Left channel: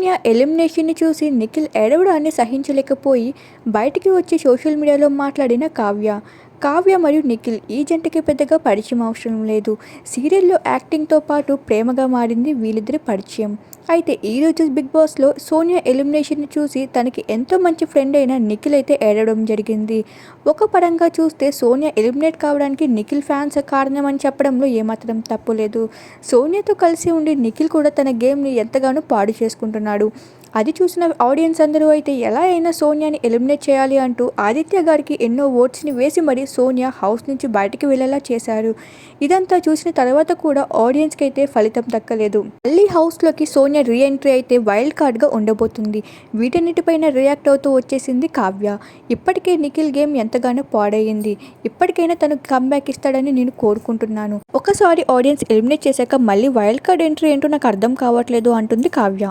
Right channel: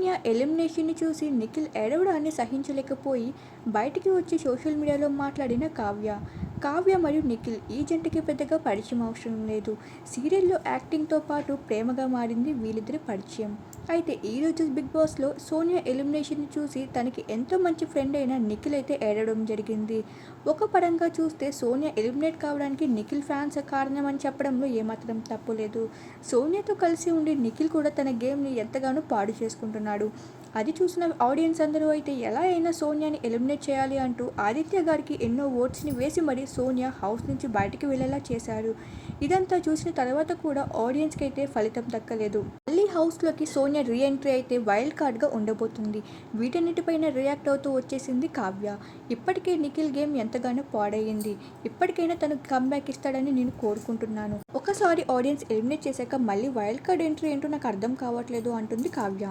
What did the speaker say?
సోనియా ఎలిమినేషన్ని చూసి నిఖిల్ ఏడవడాన్ని సహించలేకపోయి బయటికి వచ్చి సోషల్ మీడియాలో మాట్లాడిన కావ్య. కావ్య మరియు నిఖిల్ ఈ జంటకి పెద్దగా పరిచయం అవసరం లేదు. సీరియల్లో యాక్టింగ్తో పాటు ప్రేమగా మారింది వీళ్ళిద్దరి పరిచయం. అయితే ఈరోజు బిగ్ బాస్లో సోనియా ఎలిమినేషన్ని చూసి తనకి ఎంతో మంచి ఫ్రెండ్ అయిన నిఖిల్ అయితే ఏడవడం జరిగింది. ఒక పరంగా చూస్తే సోనియా ఎలిమినేట్ కావడానికి నిఖిల్ ఫ్యాన్స్ కారణమని చెప్పడంలో ఏమాత్రం తప్పు లేదు. సోనియాతో కలిసి ఉండి నిఖిల్ కూడా తన గేమ్ని ఎంతగానో పాడు చేసుకుంటున్నాడు. అది చూసిన ఆడియన్స్ అందరూ అయితే ఎలా అయినా సోనియాని ఎలిమినేట్ చేయాలి అంటూ ఆదిత్య గారికి ఎన్నో ఓట్స్ని వేసి మరీ సోనియా హౌస్ నుంచి బయటికి వెళ్ళేలా చేశారు. ఇదంతా చూసిన తర్వాత కూడా ఆడియన్స్కి అయితే ఫలితం దక్కలేదు. మళ్ళీ హౌస్లోకి సోనియా రీ ఎంట్రీ అయితే వైల్డ్ కార్డ్గా ఉండబోతుంది. వీటన్నిటిపైన రియాక్ట్ అవుతూ వచ్చేసింది కావ్య. ఇప్పటికే నిఖిల్ గేమ్ ఎంతగానో పాడయింది ఇప్పటికైనా తను కమ్బ్యాక్ ఇస్తాడని నేను కోరుకుంటున్నాను. ఒకసారి ఆడియన్స్ ఎలిమినేట్ చేశాక మళ్ళీ వైల్డ్ కార్డ్ ఎంట్రీ ఏంటో నాకు అర్థం కావట్లేదు అంటుంది కావ్య.